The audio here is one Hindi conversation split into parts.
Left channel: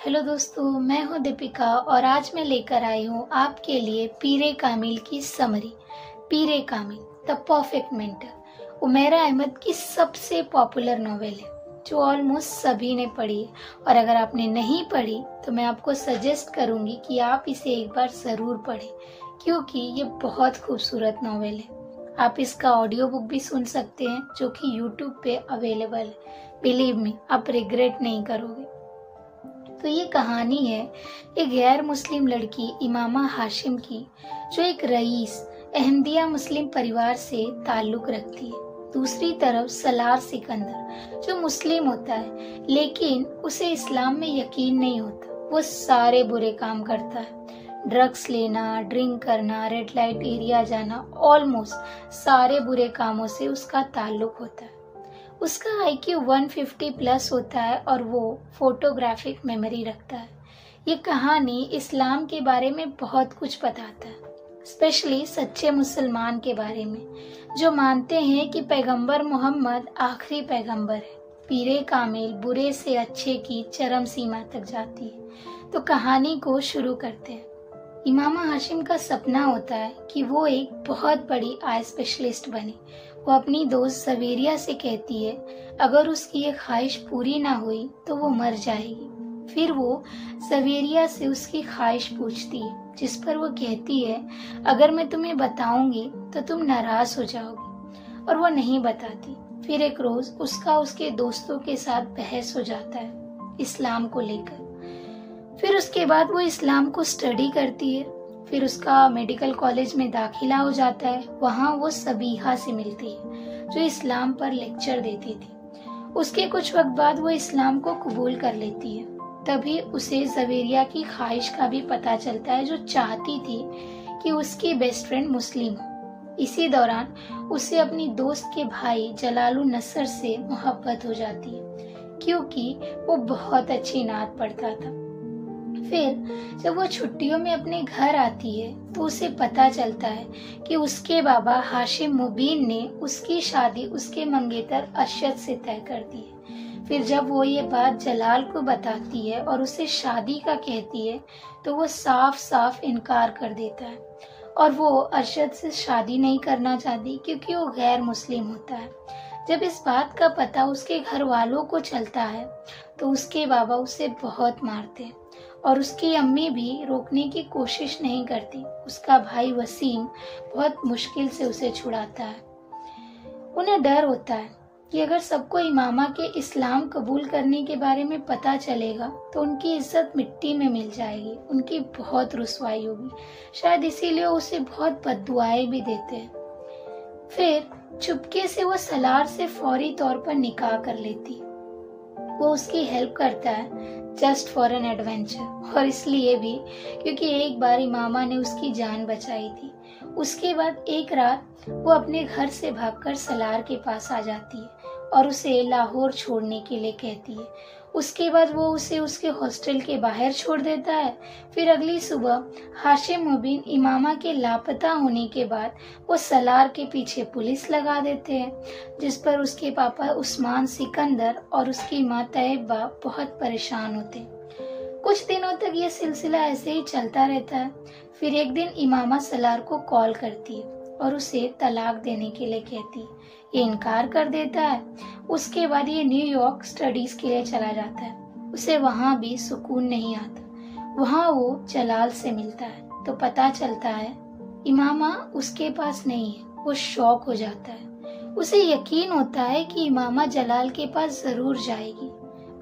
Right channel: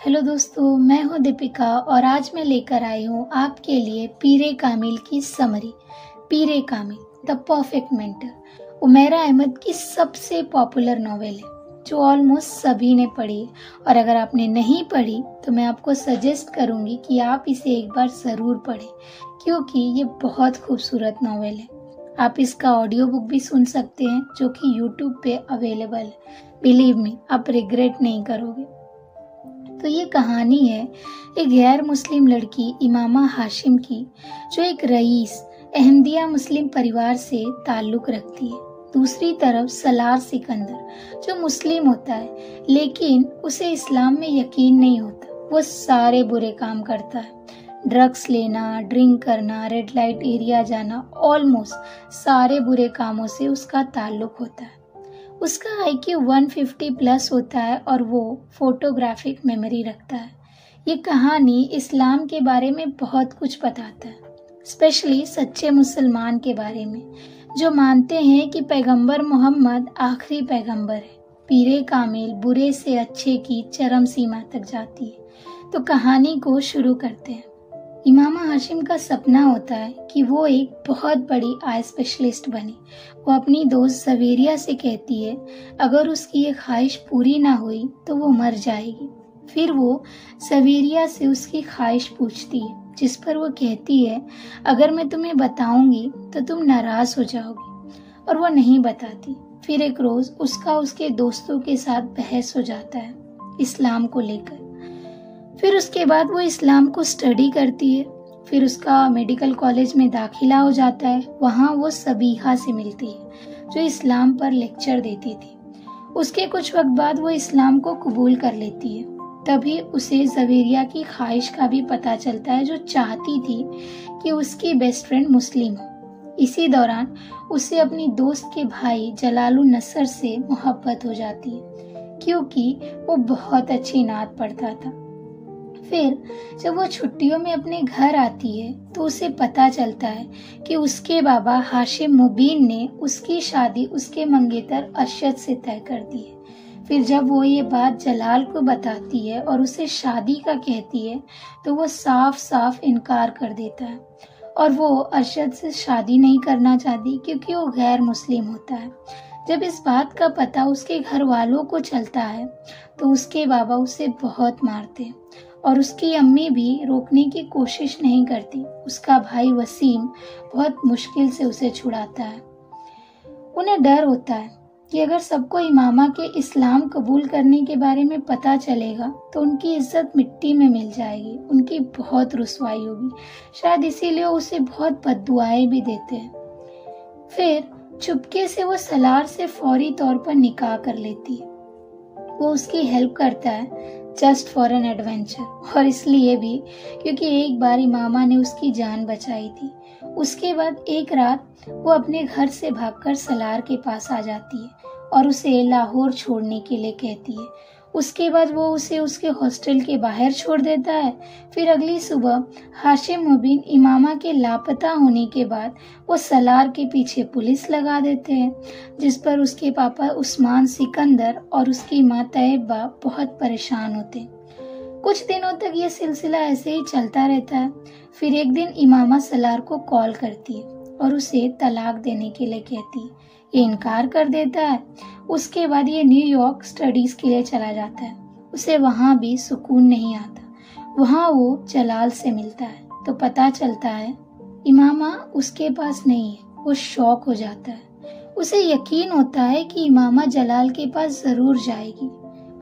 हेलो दोस्तों, मैं हूं दीपिका और आज मैं लेकर आई हूं आपके लिए पीरे कामिल की summary. Peer e Kamil the perfect mentor Umaira Ahmed की सबसे पॉपुलर नॉवेल है जो ऑलमोस्ट सभी ने पढ़ी है। और अगर आपने नहीं पढ़ी तो मैं आपको सजेस्ट करूंगी कि आप इसे एक बार जरूर पढ़ें, क्योंकि ये बहुत खूबसूरत नॉवेल है। आप इसका ऑडियो बुक भी सुन सकते हैं जो कि यूट्यूब पे अवेलेबल है। बिलीव मी, आप रिग्रेट नहीं करोगे। तो ये कहानी है एक गैर मुस्लिम लड़की इमामा हाशिम की, जो एक रईस अहमदिया मुस्लिम परिवार से ताल्लुक रखती है। दूसरी तरफ सलार सिकंदर जो मुस्लिम होता है, लेकिन उसे इस्लाम में यकीन नहीं होता। वो सारे बुरे काम करता है, ड्रग्स लेना, ड्रिंक करना, रेड लाइट एरिया जाना, ऑलमोस्ट सारे बुरे कामों से उसका ताल्लुक होता है। उसका IQ 150 प्लस होता है और वो फोटोग्राफिक मेमोरी रखता है। ये कहानी इस्लाम के बारे में बहुत कुछ बताता है, स्पेशली सच्चे मुसलमान के बारे में जो मानते हैं कि पैगंबर मोहम्मद आखिरी पैगंबर है। पीरे कामिल बुरे से अच्छे की चरम सीमा तक जाती है। तो कहानी को शुरू करते हैं। इमामा हाशिम का सपना होता है कि वो एक बहुत बड़ी आई स्पेशलिस्ट बने। वो अपनी दोस्त सवेरिया से कहती है अगर उसकी ये ख्वाहिश पूरी ना हुई तो वो मर जाएगी। फिर वो सवेरिया से उसकी ख्वाहिश पूछती है, जिस पर वो कहती है अगर मैं तुम्हें बताऊंगी तो तुम नाराज हो जाओगी, और वो नहीं बताती। फिर एक रोज उसका उसके दोस्तों के साथ बहस हो जाता है इस्लाम को लेकर। फिर उसके बाद वो इस्लाम को स्टडी करती है। फिर उसका मेडिकल कॉलेज में दाखिला हो जाता है। वहाँ वो सबीहा से मिलती है जो इस्लाम पर लेक्चर देती थी। उसके कुछ वक्त बाद वो इस्लाम को कबूल कर लेती है। तभी उसे जवेरिया की ख्वाहिश का भी पता चलता है, जो चाहती थी कि उसकी बेस्ट फ्रेंड मुस्लिम हो। इसी दौरान उसे अपनी दोस्त के भाई जलालुन नसर से मोहब्बत हो जाती है, क्योंकि वो बहुत अच्छी नात पढ़ता था। फिर जब वो छुट्टियों में अपने घर आती है तो उसे पता चलता है कि उसके बाबा हाशिम मुबीन ने उसकी शादी उसके मंगेतर अरशद से तय कर दी है। फिर जब वो ये बात जलाल को बताती है और उसे शादी का कहती है तो वो साफ साफ इनकार कर देता है, और वो अरशद से शादी नहीं करना चाहती क्योंकि वो गैर मुस्लिम होता है। जब इस बात का पता उसके घर वालों को चलता है तो उसके बाबा उसे बहुत मारते हैं और उसकी अम्मी भी रोकने की कोशिश नहीं करती। उसका भाई वसीम बहुत मुश्किल से उसे छुड़ाता है। उन्हें डर होता है कि अगर सबको इमामा के इस्लाम कबूल करने के बारे में पता चलेगा तो उनकी इज्जत मिट्टी में मिल जाएगी, उनकी बहुत रुसवाई होगी। शायद इसीलिए उसे बहुत बद्दुआएं भी देते हैं। फिर चुपके से वो सलार से फौरी तौर पर निकाह कर लेती है। वो उसकी हेल्प करता है जस्ट फॉर एन एडवेंचर, और इसलिए भी क्योंकि एक बार इमामा ने उसकी जान बचाई थी। उसके बाद एक रात वो अपने घर से भागकर सलार के पास आ जाती है और उसे लाहौर छोड़ने के लिए कहती है। उसके बाद वो उसे उसके हॉस्टल के बाहर छोड़ देता है। फिर अगली सुबह हाशिम मुबीन इमामा के लापता होने के बाद वो सलार के पीछे पुलिस लगा देते हैं, जिस पर उसके पापा उस्मान सिकंदर और उसकी माँ तैयबा बहुत परेशान होते। कुछ दिनों तक ये सिलसिला ऐसे ही चलता रहता है। फिर एक दिन इमामा सलार को कॉल करती है और उसे तलाक देने के लिए कहती है। ये इनकार कर देता है। उसके बाद ये न्यूयॉर्क स्टडीज के लिए चला जाता है। उसे वहाँ भी सुकून नहीं आता। वहाँ वो जलाल से मिलता है तो पता चलता है इमामा उसके पास नहीं है। वो शॉक हो जाता है। उसे यकीन होता है कि इमामा जलाल के पास जरूर जाएगी,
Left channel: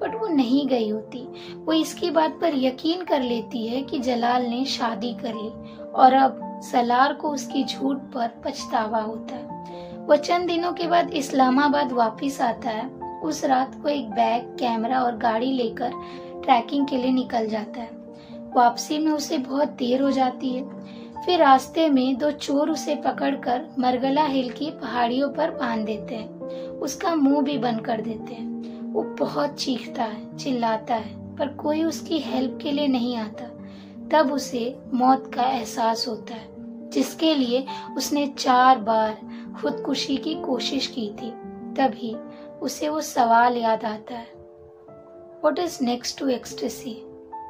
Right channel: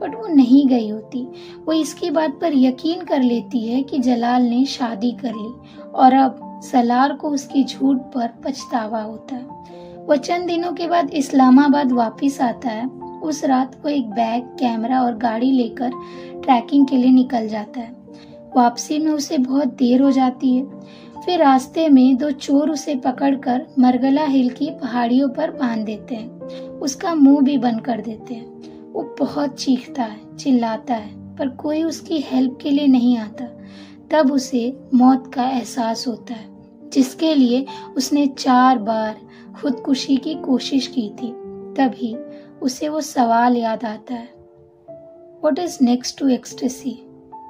बट वो नहीं गई होती। वो इसकी बात पर यकीन कर लेती है कि जलाल ने शादी कर ली और अब सलार को उसकी झूठ पर पछतावा होता है। वो चंद दिनों के बाद इस्लामाबाद वापस आता है। उस रात वो एक बैग, कैमरा और गाड़ी लेकर ट्रैकिंग के लिए निकल जाता है। वापसी में उसे बहुत देर हो जाती है। फिर रास्ते में दो चोर उसे पकड़कर मरगला हिल की पहाड़ियों पर बांध देते हैं। उसका मुंह भी बंद कर देते हैं। वो बहुत चीखता है, चिल्लाता है, पर कोई उसकी हेल्प के लिए नहीं आता। तब उसे मौत का एहसास होता है, जिसके लिए उसने 4 बार खुदकुशी की कोशिश की थी। तभी उसे वो सवाल याद आता है, what is next to ecstasy?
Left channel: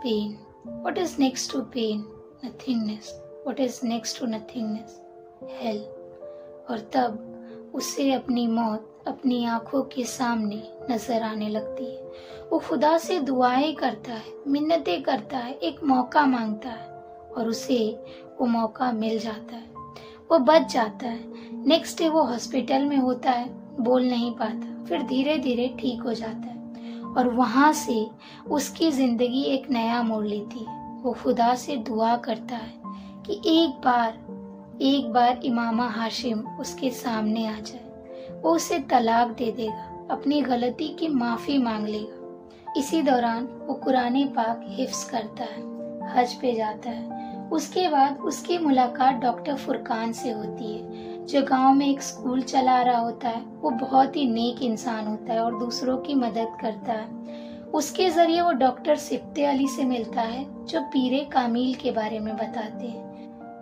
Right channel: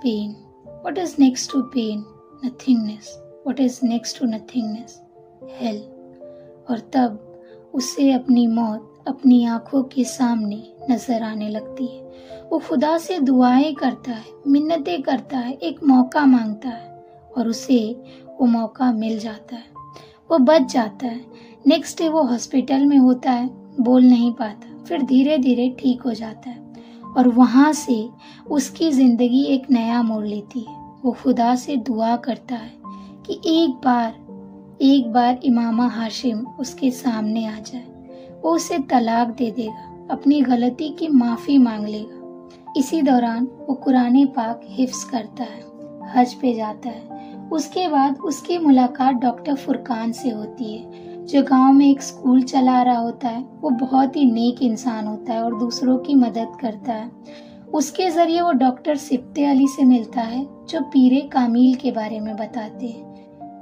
Pain. What is next to pain? Nothingness. What is next to nothingness? Hell. और तब उसे अपनी मौत अपनी आंखों के सामने नजर आने लगती है। वो खुदा से दुआएं करता है, मिन्नतें करता है, एक मौका मांगता है और उसे वो मौका मिल जाता है। वो बच जाता है। नेक्स्ट डे वो हॉस्पिटल में होता है, बोल नहीं पाता, फिर धीरे धीरे ठीक हो जाता है और वहां से उसकी जिंदगी एक नया मोड़ लेती है। वो खुदा से दुआ करता है कि एक बार इमामा हाशिम उसके सामने आ जाए। वो उसे तलाक दे देगा, अपनी गलती की माफी मांग लेगा। इसी दौरान वो कुरान पाक हिफ्ज करता है, हज पे जाता है। उसके बाद उसकी मुलाकात डॉक्टर फुरकान से होती है, जो गांव में एक स्कूल चला रहा होता है। वो बहुत ही नेक इंसान होता है और दूसरों की मदद करता है। उसके जरिए वो डॉक्टर सिप्ते अली से मिलता है, जो पीरे कामिल के बारे में बताते हैं।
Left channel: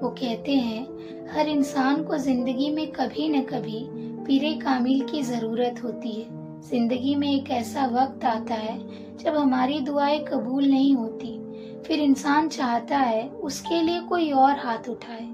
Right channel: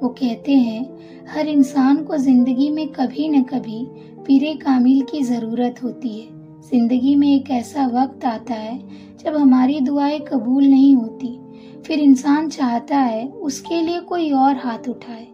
वो कहते हैं, हर इंसान को जिंदगी में कभी न कभी पीरे कामिल की जरूरत होती है। जिंदगी में एक ऐसा वक्त आता है जब हमारी दुआएं कबूल नहीं होती, फिर इंसान चाहता है उसके लिए कोई और हाथ उठाए,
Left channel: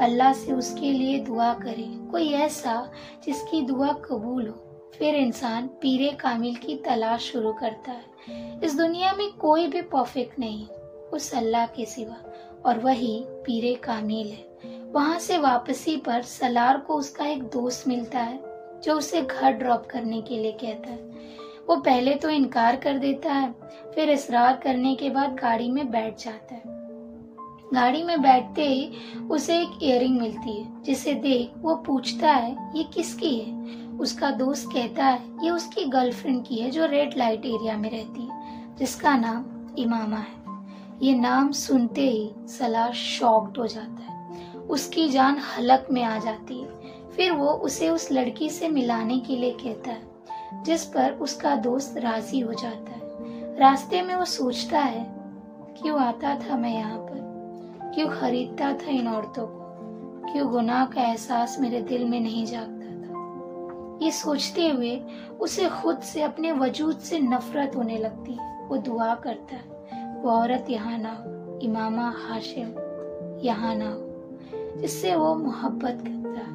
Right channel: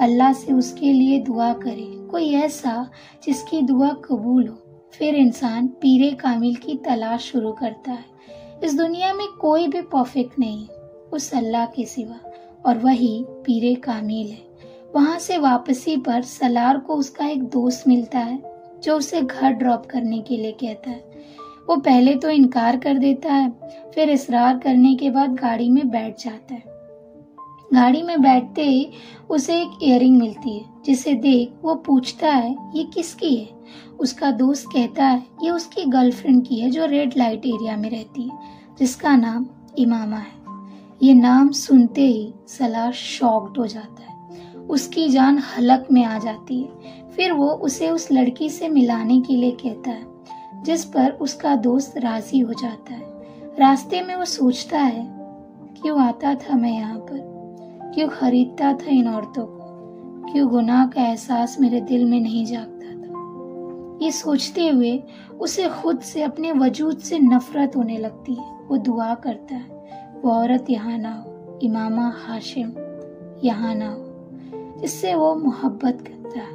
अल्लाह से उसके लिए दुआ करे, कोई ऐसा जिसकी दुआ कबूल हो। फिर इंसान पीरे कामिल की तलाश शुरू करता है। इस दुनिया में कोई भी परफेक्ट नहीं उस अल्लाह के सिवा, और वही पीरे कामिल है। वहां से वापसी पर सलार को उसका एक दोस्त मिलता है, जो उसे घर ड्रॉप करने के लिए कहता है। वो पहले तो इनकार कर देता है, फिर इसरार करने के बाद गाड़ी में बैठ जाता है। गाड़ी में बैठते ही उसे एक इयररिंग मिलती है, जिसे देख वो पूछता है ये किसकी है। उसका दोस्त कहता है ये उसकी गर्लफ्रेंड की है, जो रेड लाइट एरिया में रहती है, जिसका नाम इमामा है। ये नाम सुनते ही सलार शॉक्ड हो जाता है, उसकी जान हलक में आ जाती है। फिर वो उसे उस लड़की से मिलाने के लिए कहता है, जिस पर उसका दोस्त राजी हो जाता है। रास्ते में वो सोचता है, क्यों आता था मैं यहाँ पर, क्यों खरीदता था इन औरतों को, क्यों गुनाह का एहसास मेरे दिल में नहीं जागता था। ये सोचते हुए उसे खुद से, अपने वजूद से नफरत होने लगती है। वो दुआ करता है, वो औरत यहाँ ना हो, इमामा हाशिम यहाँ ना हो, जिससे वो मोहब्बत करता है।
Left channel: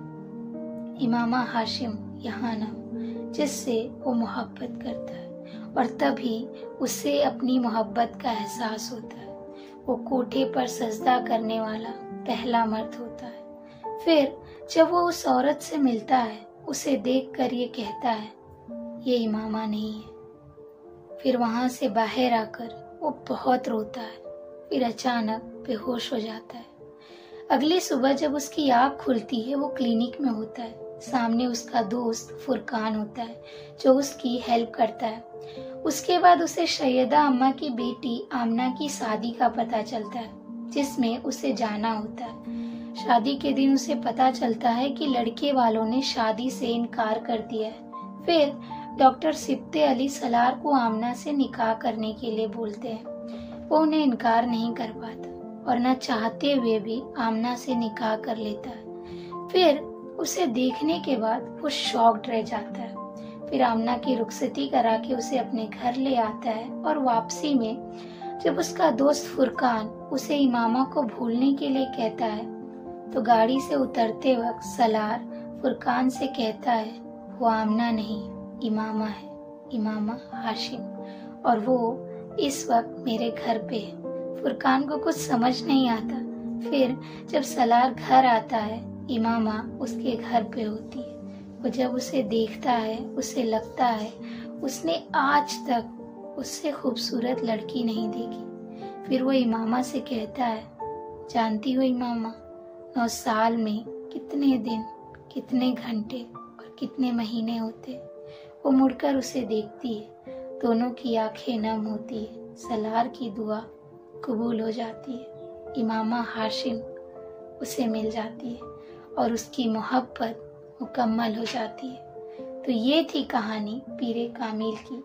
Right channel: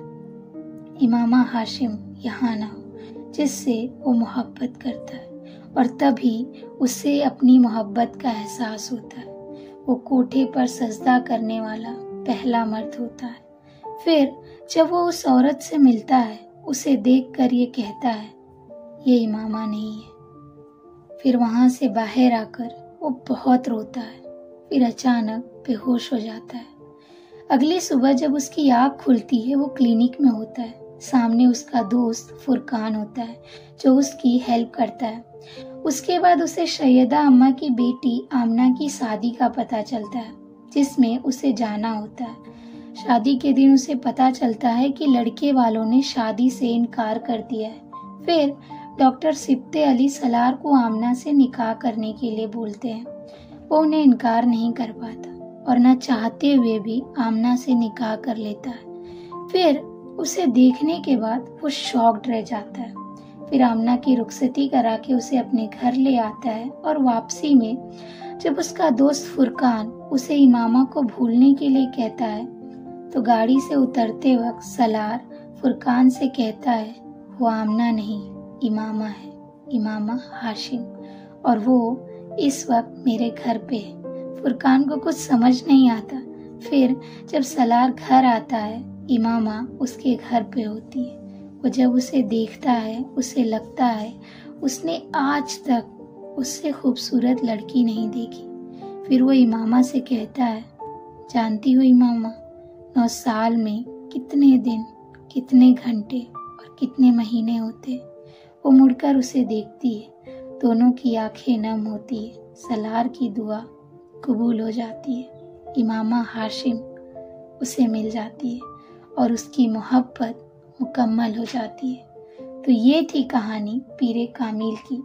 इमामा हाशिम यहाँ ना हो, जिससे वो मोहब्बत करता है, और तभी उसे अपनी मोहब्बत का एहसास होता है। वो कोठे पर सजदा करने वाला पहला मर्द होता है। फिर जब वो उस औरत से मिलता है, उसे देखकर ये कहता है ये इमामा नहीं है। फिर वहां से बाहर आकर वो बहुत रोता है, फिर अचानक बेहोश हो जाता है। अगली सुबह जब उसकी आँख खुलती है, वो क्लिनिक में होता है। सामने उसका दोस्त फुरकान होता है, जो उसकी हेल्प करता है। उसके बाद उसे सैयदा अम्मा की बेटी आमना की शादी का पता चलता है, जिसमें उसे जाना होता है। शादी के दिन उसे पता चलता है कि लड़के वालों ने शादी से इनकार कर दिया है। फिर डॉक्टर सिप्ते अली सलार को आमना से निकाह करने के लिए बोलते हैं। वो उन्हें इनकार नहीं कर पाता और न चाहते हुए भी आमना से निकाह कर लेता है। फिर उसे देखने के बाद वो शॉक्ड रह जाता है। फिर आमना की रुखसती करा के उसे अपने घर ले आता है, और वापसी में जब उसका दोस्त फुरकान उसे इमामा को भूलने के लिए कहता है, तो गाड़ी से उतरते वक्त सलार फुरकान से कहता है वो आमना नहीं, इमामा है, इमामा हाशिम, और वो इस वक्त मेरे घर पे है। फुरकान को कुछ समझ नहीं आता। फिर जब सलार घर आता है, इमामा उसके घर पे होती है। वो जब उसे देखता है, उसे लगता है उसने आज तक उससे खूबसूरत लड़की नहीं देखी। फिर वो इमामा से कहता है, जानती हो इमामा, 9 साल में कितने दिन, कितने घंटे और कितने महीने होते। वो मुड़कर उसे देखती है, दोनों की आंखें नम होती है। सलार की दुआ कबूल हो जाती है। इमामा हाशिम उसे मिल जाती है और उसकी मोहब्बत मुकम्मल हो जाती है। तो ये थी कहानी पीरे कामिल की।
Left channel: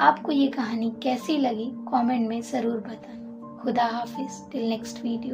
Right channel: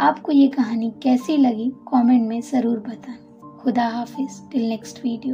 आपको ये कहानी कैसी लगी कमेंट में ज़रूर बताना। खुदा हाफिज, टिल नेक्स्ट वीडियो।